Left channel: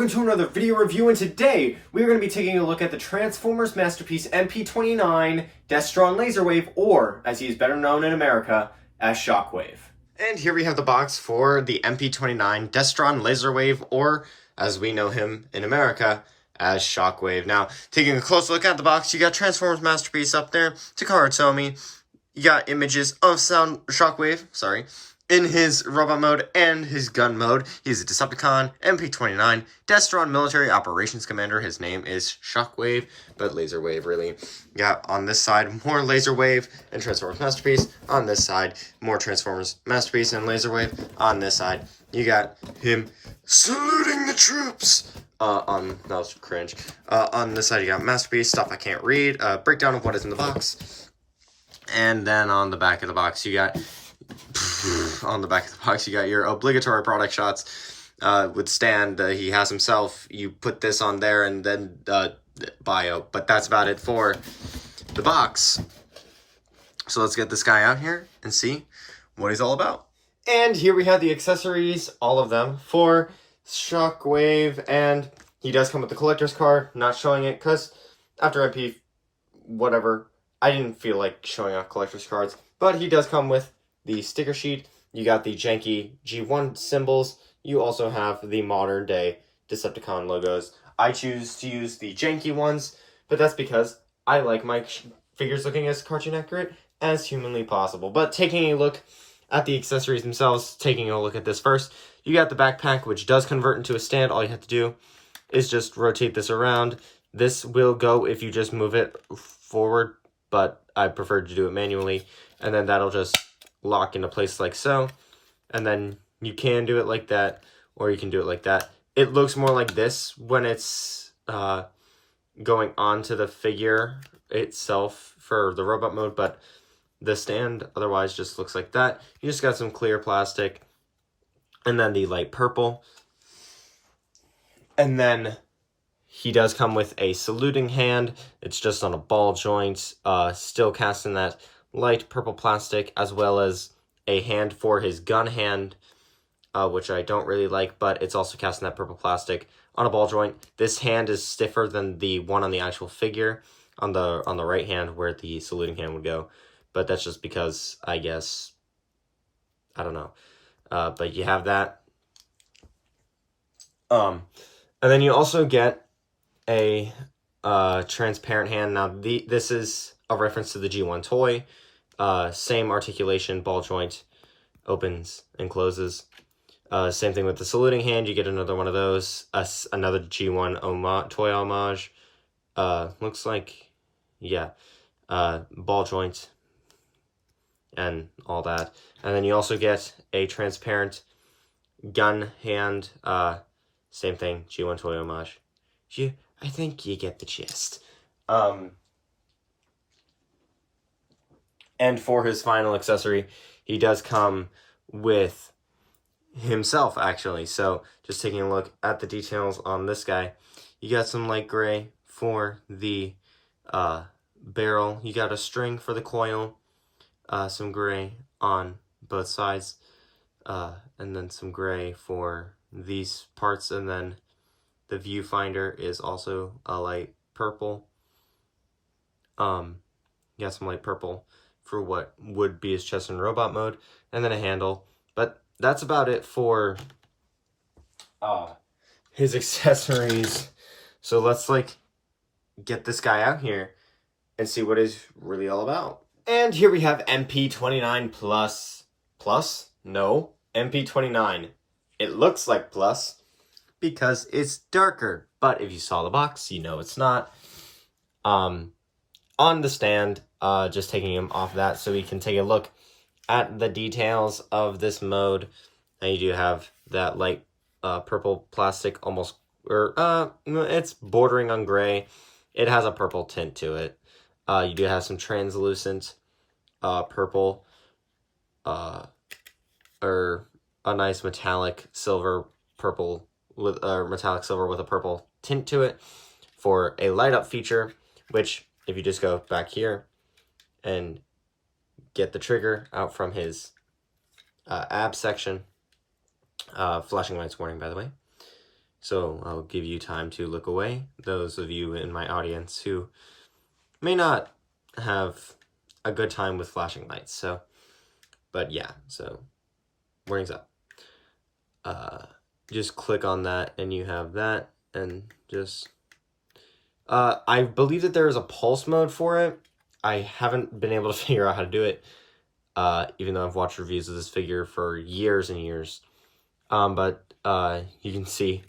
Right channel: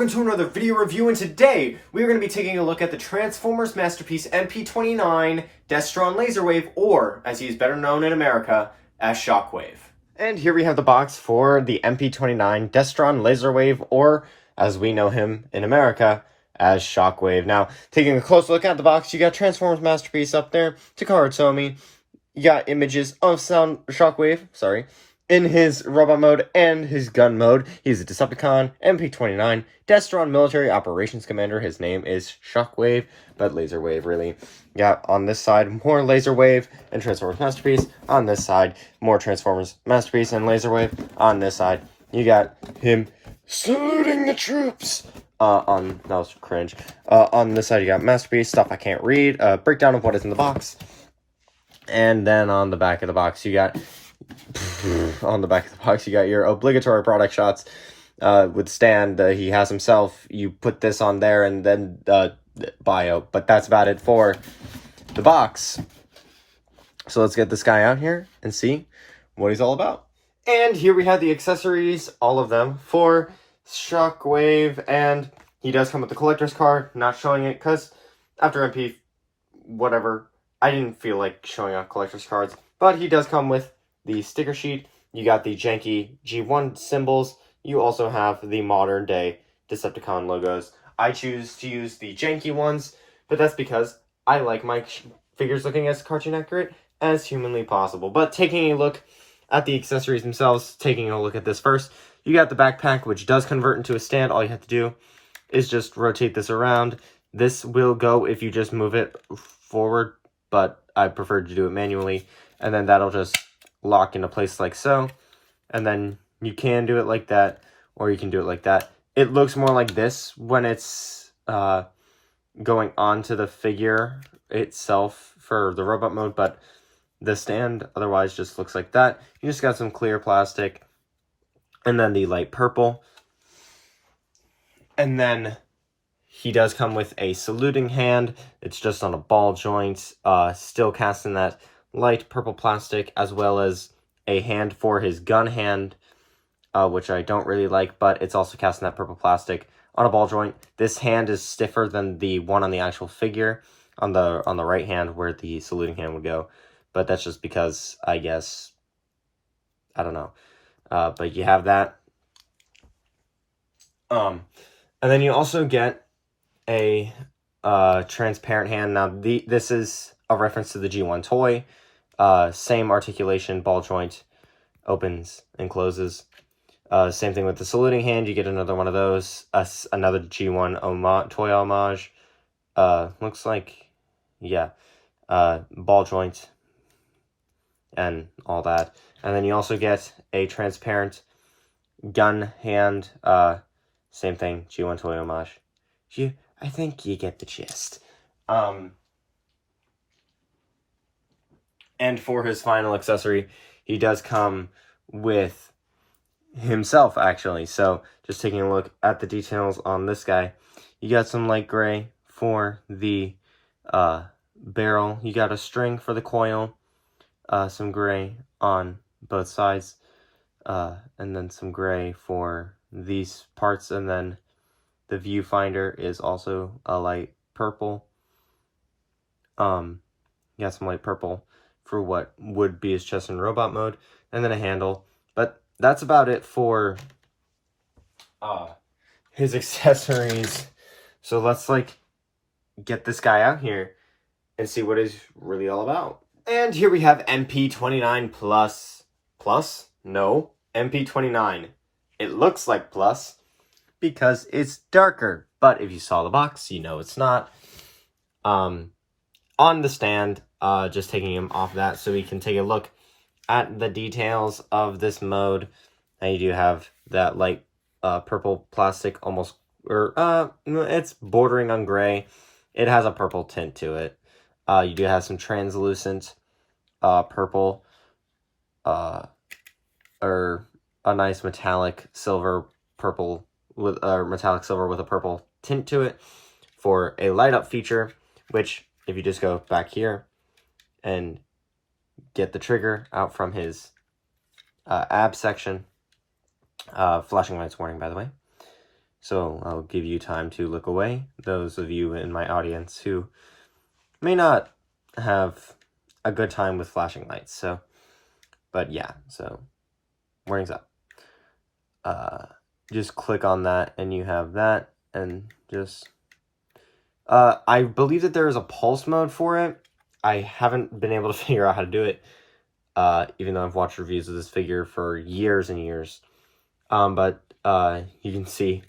welcome to another video review, and today we are going to be taking a look at the Transformers masterpiece MP-29 Destron Laserwave, or as he is better known in America as Shockwave. And here we have the box for the MP-29 Destron Laserwave, or as we know him in America as Shockwave. Now, taking a close look at the box, you got Transformers masterpiece up there, Takara Tomy. You got images of Shockwave, in his robot mode and his gun mode. He's a Decepticon, MP-29, Destron Military Operations Commander. His name is Shockwave, but Laserwave, really. Yeah, on this side, more Laserwave and Transformers Masterpiece. On this side, more Transformers Masterpiece and Laserwave. On this side, you got him saluting the troops. That was cringe. On this side, you got Masterpiece, stuff I can't read, breakdown of what is in the box. And then on the back of the box, you got your obligatory product shots with Stan. He has himself. You put this on there and then bio. But that's about it for the box. So let's get this guy out here and see what he's all about. And here we have the accessories, all of them, for Shockwave. And he does come with the collector's card. Not showing it because after MP, whatever, I didn't feel like showing off collector's cards. But he does come with the sticker sheet. You got the janky G1 symbols. You also have the modern day Decepticon logos. I choose to use the janky ones, but that's because I like my figures looking as cartoon accurate as humanly possible. But taking a look at the accessories themselves, taking a look at this first, you got the backpack, which does convert into a stand. All you have to do is just rotate this around. This will go if you just move it forward, but I prefer to do it manually, and then that'll just lock into place like so. And then you can do it like that, or you can do it like that. It looks more like this when it's going onto the figure itself for the robot mode, but the stand otherwise just looks like that. You just got some clear plastic, and then the light purple. And then he does come with a saluting hand. It's just on a ball joint, still casting that light purple plastic, as well as a hand for his gun hand, which I don't really like, but it's also casting that purple plastic on a ball joint. This hand is stiffer than the one on the actual figure on the right hand where the saluting hand would go, but that's just because, I guess, I don't know. But you have that. And then you also get a transparent hand. Now, this is a reference to the G1 toy. Same articulation, ball joint, opens and closes. Same thing with the saluting hand. You get another one of those. Another G1 toy homage. Looks like, yeah, ball joint and all that. And then you also get a transparent gun hand. Same thing, G1 toy homage. I think you get the gist. And for his final accessory, he does come with himself, actually. So, just taking a look at the details on this guy. You got some light gray for the barrel. You got a string for the coil. Some gray on both sides. And then some gray for these parts. And then the viewfinder is also a light purple. You got some light purple for what would be his chest in robot mode, and then a handle. But that's about it for his accessories. So let's get this guy out here and see what he's really all about. And here we have MP-29 plus. No, MP-29. It looks like plus because it's darker, but if you saw the box, you know it's not. On the stand, just taking him off that so we can take a look at the details of this mode. And you do have that light purple plastic, almost, or it's bordering on gray. It has a purple tint to it. You do have some translucent purple, or a nice metallic silver purple with metallic silver with a purple tint to it for a light up feature, which if you just go back here and get the trigger out from his ab section, flashing lights warning, by the way, So I'll give you time to look away, those of you in my audience who may not have a good time with flashing lights. So, but yeah, so warning's up. Just click on that and you have that, and just I believe that there is a pulse mode for it. I haven't been able to figure out how to do it, even though I've watched reviews of this figure for years and years. But you can see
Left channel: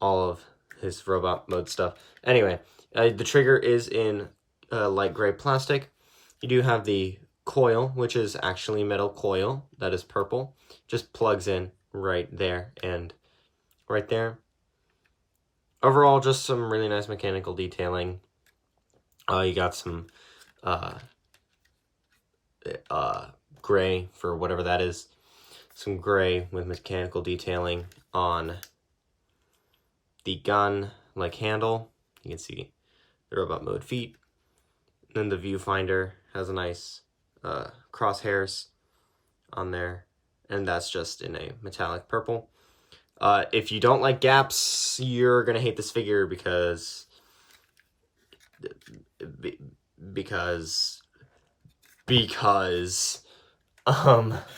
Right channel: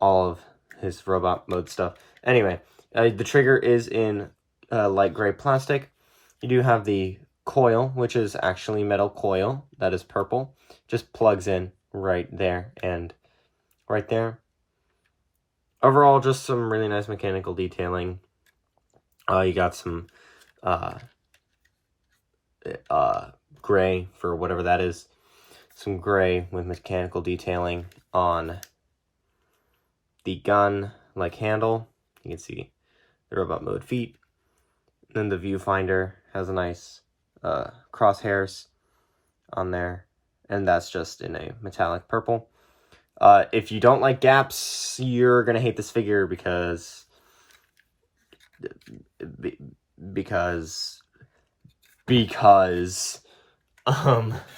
all of his robot mode stuff. Anyway, the trigger is in light gray plastic. You do have the coil, which is actually metal coil, that is purple. Just plugs in right there and right there. Overall, just some really nice mechanical detailing. You got some gray for whatever that is. Some gray with mechanical detailing on the gun like handle. You can see the robot mode feet. And then the viewfinder has a nice crosshairs on there, and that's just in a metallic purple. If you don't like gaps, you're gonna hate this figure because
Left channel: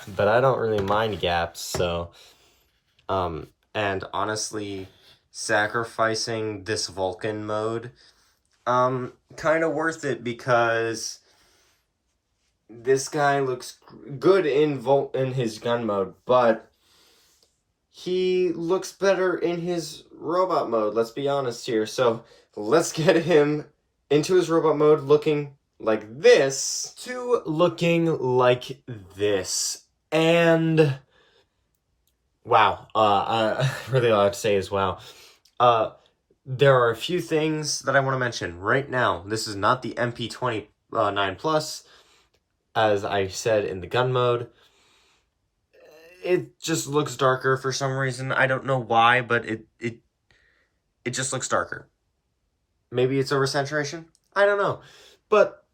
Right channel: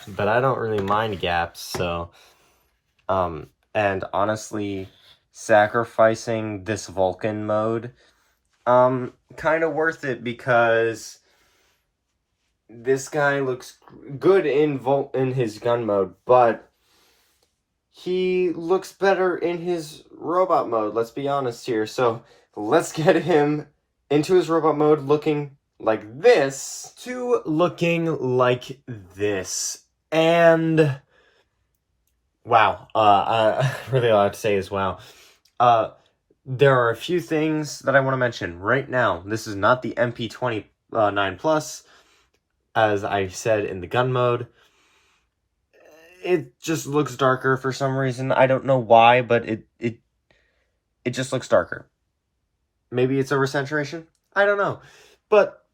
but I don't really mind gaps, so and honestly, sacrificing this Vulcan mode kind of worth it, because this guy looks good in his gun mode, but he looks better in his robot mode, let's be honest here. So let's get him into his robot mode looking like this to looking like this. And wow, I really all I have to say is wow. There are a few things that I want to mention right now. This is not the MP-29 Plus, as I said in the gun mode. It just looks darker for some reason. I don't know why, but it just looks darker. Maybe it's oversaturation? I don't know. But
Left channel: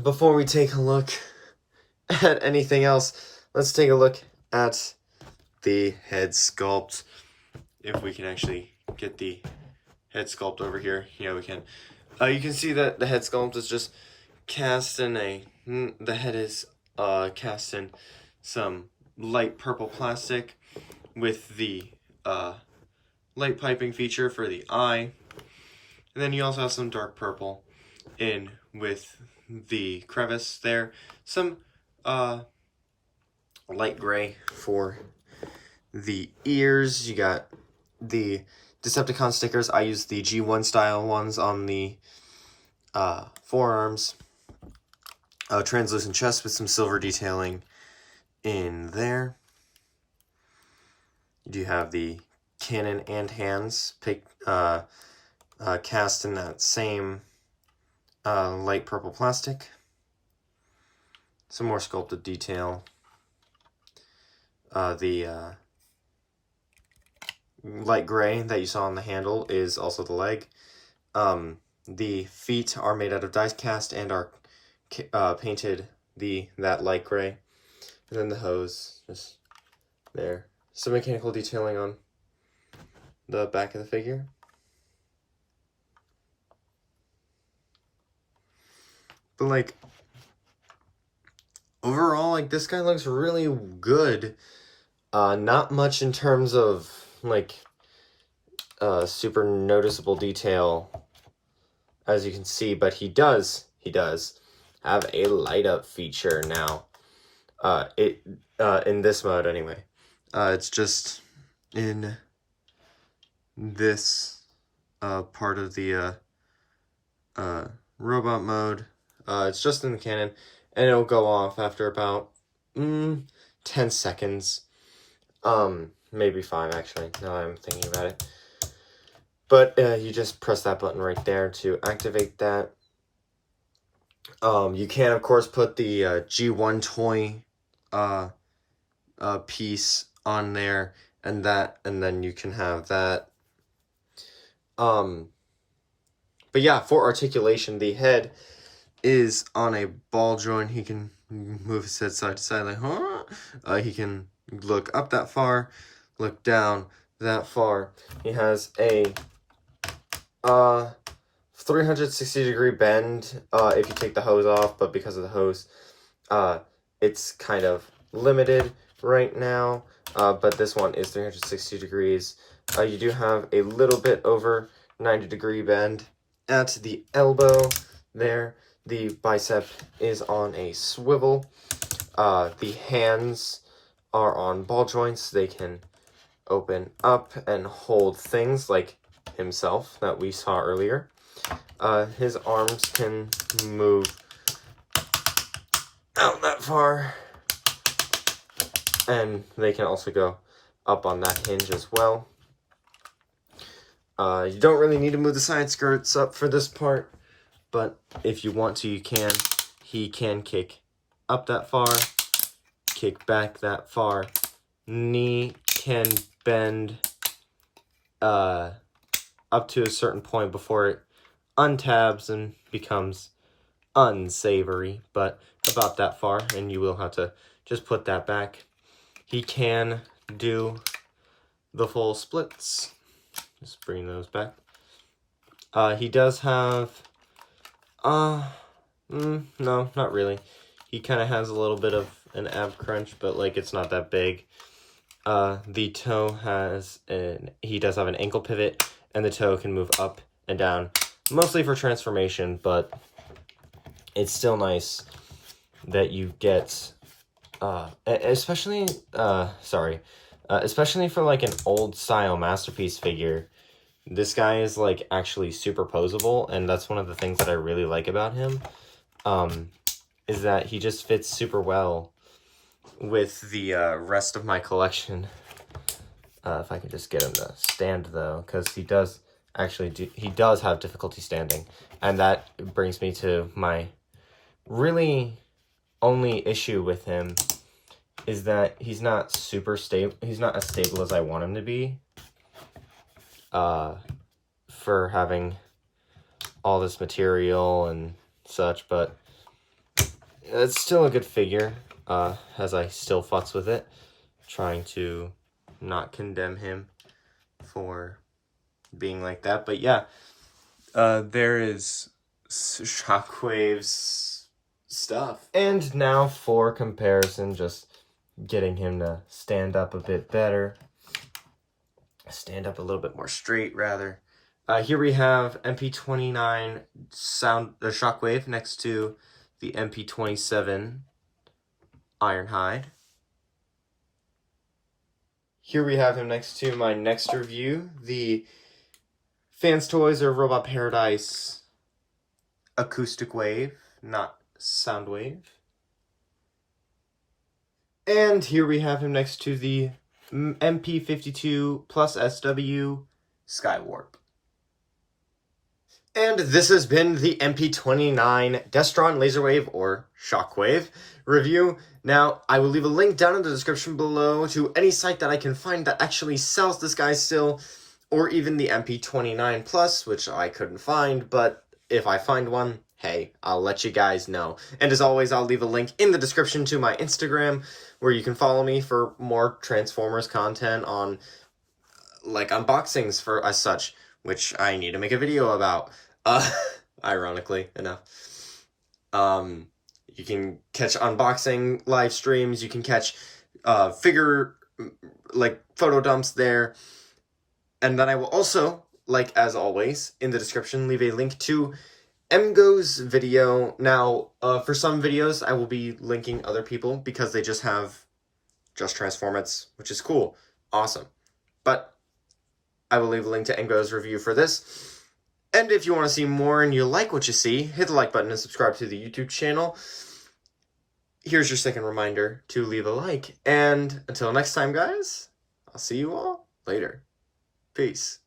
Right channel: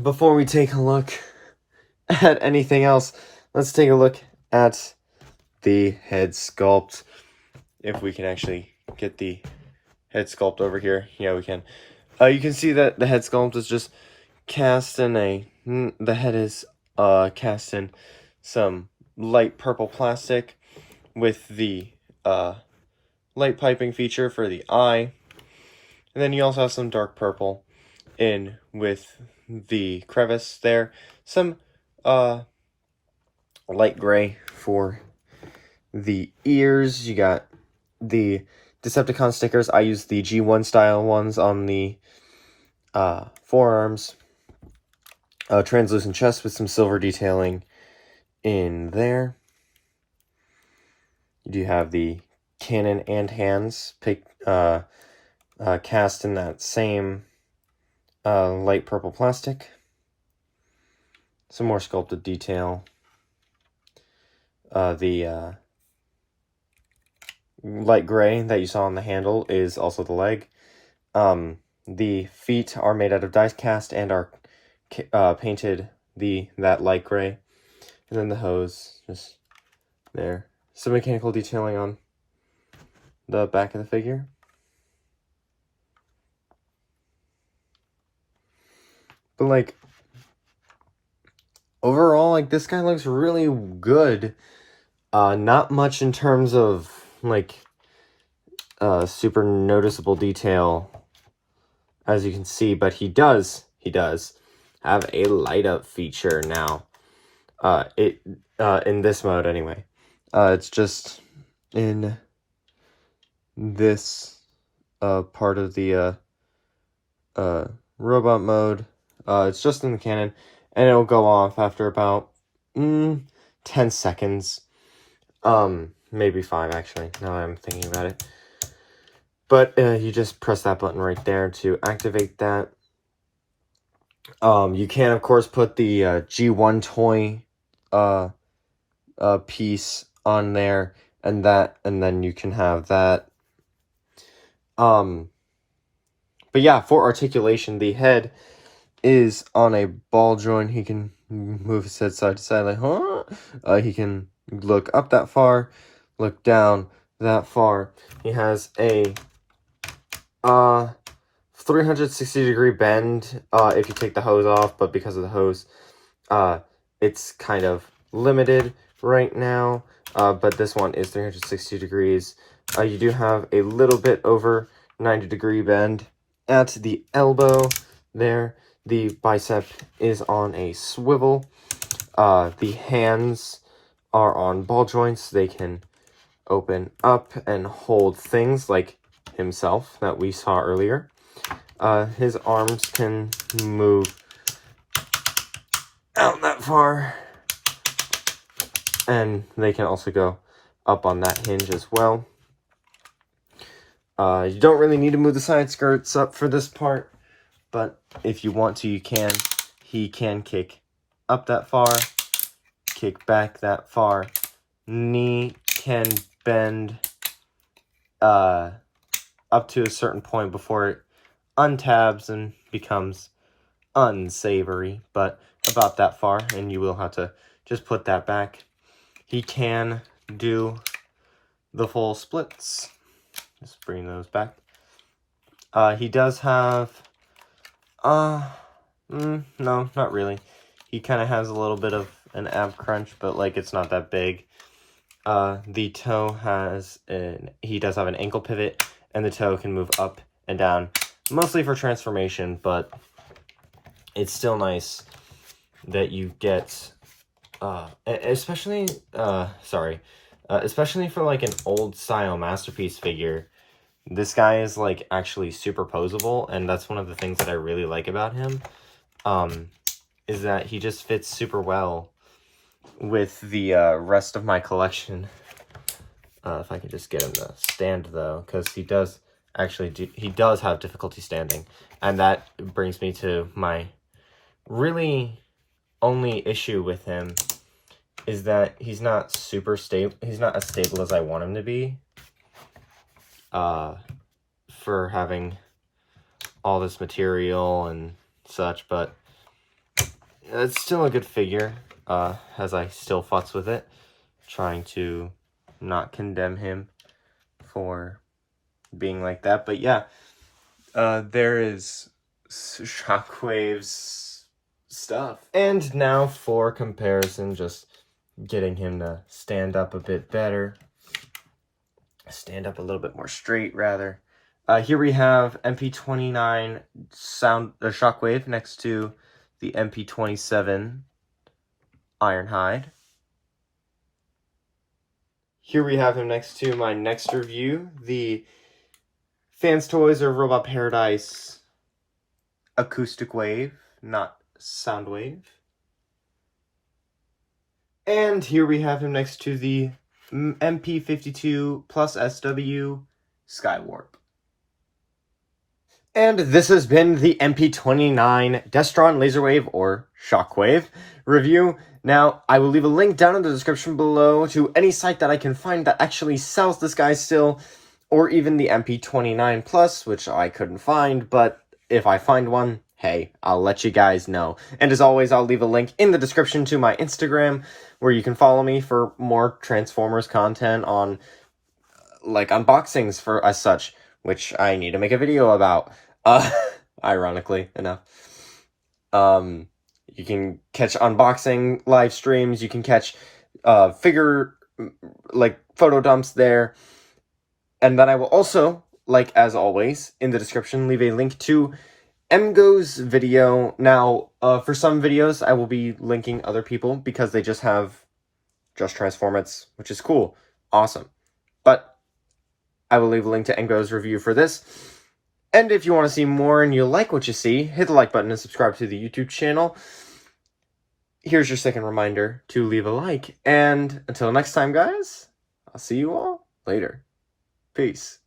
before we take a look at anything else, let's take a look at the head sculpt. If we can actually get the head sculpt over here. Yeah, we can. You can see that the head sculpt is just cast in the head is cast in some light purple plastic with the light piping feature for the eye. And then you also have some dark purple in with the crevice there. Some light gray for the ears. You got the Decepticon stickers. I use the G1 style ones on the forearms. Translucent chest with some silver detailing in there. You do have the cannon and hands cast in that same light purple plastic. Some more sculpted detail. The light gray that you saw on the handle is also the leg. The feet are made out of die cast and are painted that light gray. And then the hose, just there. Some mechanical detailing on the back of the figure. But like, overall, like, this guy looks really good. Not much in terms of like super noticeable detail, as you can see, but he does have a light up feature now. In this mode anyway. It's just in this part of the robot mode. It's just in the cannon, and it'll go off after about 10 seconds. Maybe 5 actually, now that I'm thinking about it. But you just press that button right there to activate that. You can of course put the G1 toy piece on there, and then you can have that. But yeah, for articulation, the head is on a ball joint. He can move his head side to side like, huh? He can look up that far, look down that far. He has a 360-degree bend if you take the hose off, but because of the hose, it's kind of limited right now. But this one is 360 degrees. You do have a little bit over 90-degree bend at the elbow there. The bicep is on a swivel. The hands are on ball joints. They can open up and hold things like himself that we saw earlier. His arms can move out that far, and they can also go up on that hinge as well. You don't really need to move the side skirts up for this part, but if you want to, you can. He can kick up that far, kick back that far. Knee can bend up to a certain point before it untabs and becomes unsavory, but about that far, and you will have to just put that back. He can do the full splits. Just bring those back. He does have no, not really. He kind of has a little bit of an ab crunch, but like it's not that big. The toe has he does have an ankle pivot, and the toe can move up and down, mostly for transformation, but it's still nice that you get, especially for like an old style Masterpiece figure. This guy is like actually superposable, and that's one of the things that I really like about him, is that he just fits super well with the rest of my collection. If I could just get him to stand though, because he does have difficulty standing, and that brings me to my really only issue with him, is that he's not super stable. He's not as stable as I want him to be. For having all this material and such, but it's still a good figure, as I still futz with it, trying to not condemn him for being like that. But yeah, there is Shockwave's stuff. And now for comparison, just getting him to stand up a bit better. Stand up a little bit more straight, rather. Here we have MP-29 Shockwave next to the MP-27 Ironhide. Here we have him next to my next review, the Fans Toys or Robot Paradise Acoustic Wave, not Soundwave. And here we have him next to the MP-52 plus SW Skywarp. And this has been the MP-29 Destron Laserwave or Shockwave review. Now, I will leave a link down in the description below to any site that I can find that actually sells this guy still, or even the MP-29 Plus, which I couldn't find, but if I find one, hey, I'll let you guys know. And as always, I'll leave a link in the description to my Instagram, where you can follow me for more Transformers content on, like, unboxings for as such, which I need to make a video about, ironically enough. You can catch unboxing live streams, you can catch figure, like, photo dumps there, and then I will also, like, as always, in the description, leave a link to MGo's video. Now, for some videos, I will be linking other people, because they just have Just Transform It's, which is cool. Awesome. But I will leave a link to MGo's review for this. And if you want to see more and you like what you see, hit the like button and subscribe to the YouTube channel. Here's your second reminder to leave a like. And until next time, guys, I'll see you all later. Peace.